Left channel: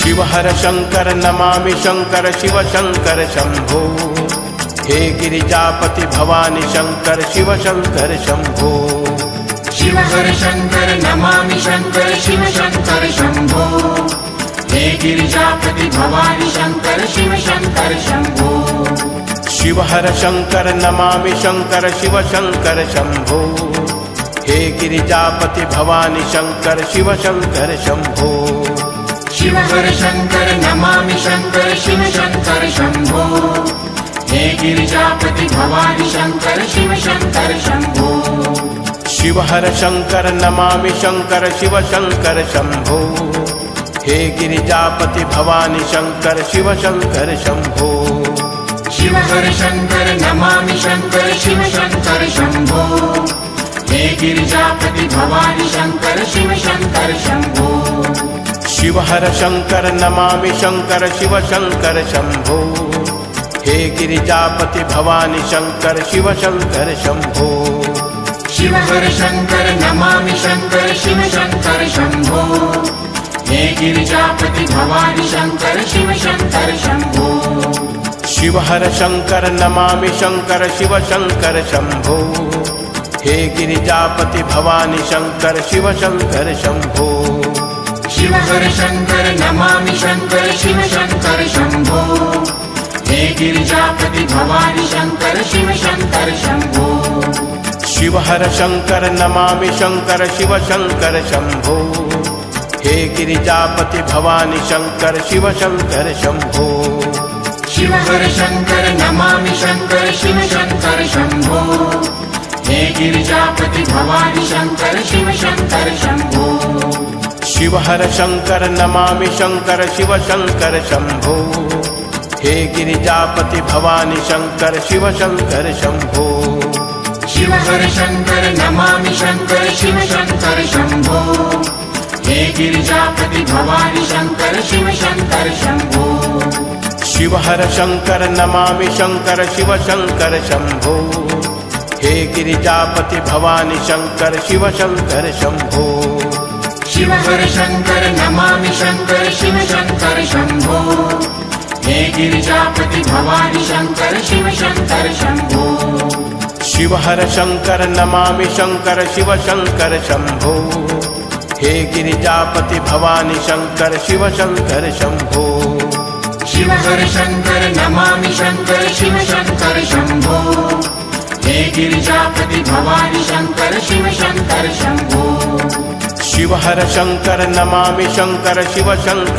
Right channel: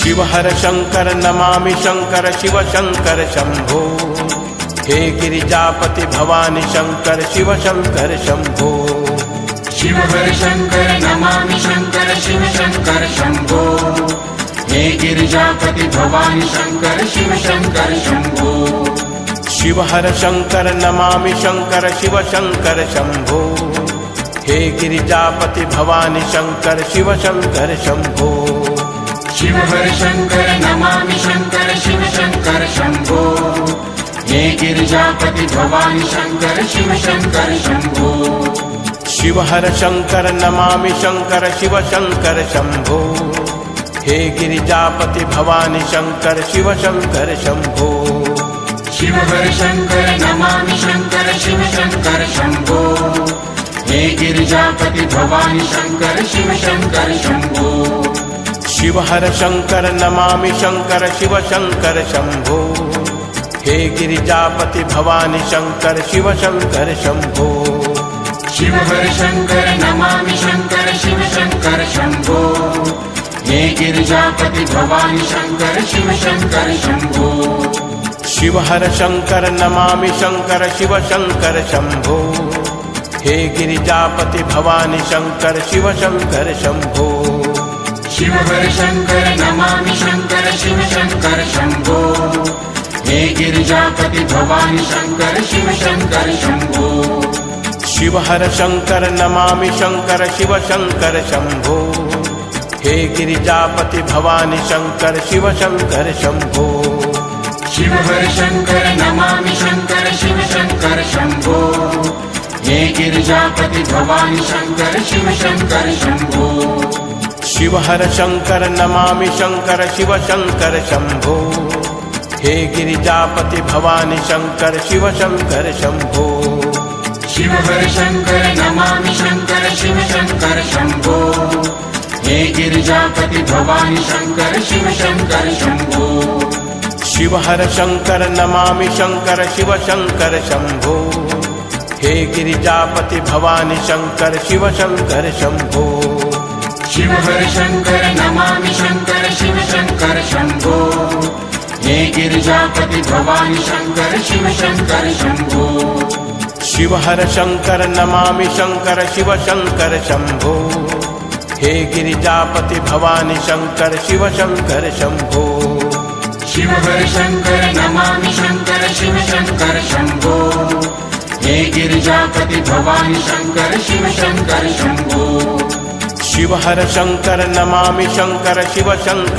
शिव हर शंकर नमामि शंकर शिव शंकर शंभो। हे गिरिजापति भवानी शंकर शिव शंकर शंभो। शिव हर शंकर नमामि शंकर शिव शंकर शंभो। हे गिरिजापति भवानी शंकर शिव शंकर शंभो। शिव हर शंकर नमामि शंकर शिव शंकर शंभो। हे गिरिजापति भवानी शंकर शिव शंकर शंभो। शिव हर शंकर नमामि शंकर शिव शंकर शंभो। हे गिरिजापति भवानी शंकर शिव शंकर शंभो। शिव हर शंकर नमामि शंकर शिव शंकर शंभो। हे गिरिजापति भवानी शंकर शिव शंकर शंभो। शिव हर शंकर नमामि शंकर शिव शंकर शंभो। हे गिरिजापति भवानी शंकर शिव शंकर शंभो। शिव हर शंकर नमामि शंकर शिव शंकर शंभो। हे गिरिजापति भवानी शंकर शिव शंकर शंभो। शिव हर शंकर नमामि शंकर शिव शंकर शंभो। हे गिरिजापति भवानी शंकर शिव शंकर शंभो। शिव हर शंकर नमामि शंकर शिव शंकर शंभो। हे गिरिजापति भवानी शंकर शिव शंकर शंभो। शिव हर शंकर नमामि शंकर शिव शंकर शंभो। हे गिरिजापति भवानी शंकर शिव शंकर शंभो। शिव हर शंकर नमामि शंकर शिव शंकर शंभो। हे गिरिजापति भवानी शंकर शिव शंकर शंभो। शिव हर शंकर नमामि शंकर शिव शंकर शंभो। हे गिरिजापति भवानी शंकर शिव शंकर शंभो। शिव हर शंकर नमामि शंकर शिव शंकर शंभो। हे गिरिजापति भवानी शंकर शिव शंकर शंभो। शिव हर शंकर नमामि शंकर शिव शंकर शंभो। हे गिरिजापति भवानी शंकर शिव शंकर शंभो। शिव हर शंकर नमामि शंकर शिव शंकर शंभो। हे गिरिजापति भवानी शंकर शिव शंकर शंभो। शिव हर शंकर नमामि शंकर शिव शंकर शंभो। हे गिरिजापति भवानी शंकर शिव शंकर शंभो। शिव हर शंकर नमामि शंकर शिव शंकर शंभो। हे गिरिजापति भवानी शंकर शिव शंकर शंभो। शिव हर शंकर नमामि शंकर शिव शंकर शंभो। हे गिरिजापति भवानी शंकर शिव शंकर शंभो। शिव हर शंकर नमामि शंकर शिव शंकर